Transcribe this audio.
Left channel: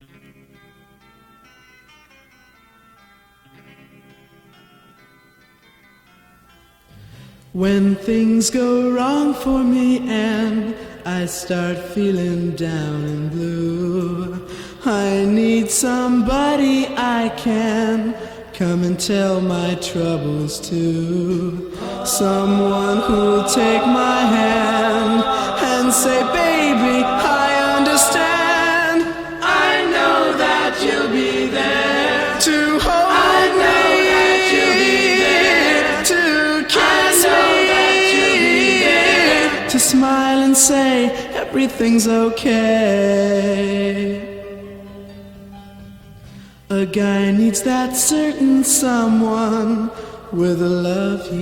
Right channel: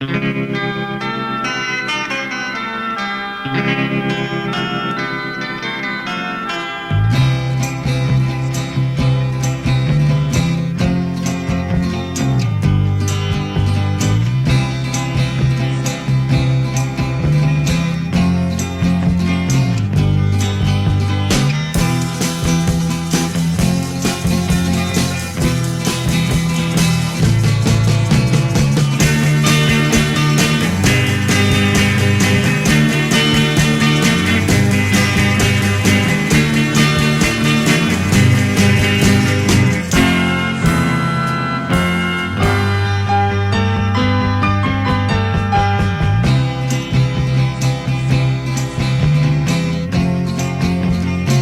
When things go wrong for me and I start feeling down, I need somebody I can come and tell my troubles to. Someone who'll take my hand and say, baby, I understand. I know that you'll be there to hold me, to kiss me, to smile and say everything's okay. A guy needs that certain someone with a love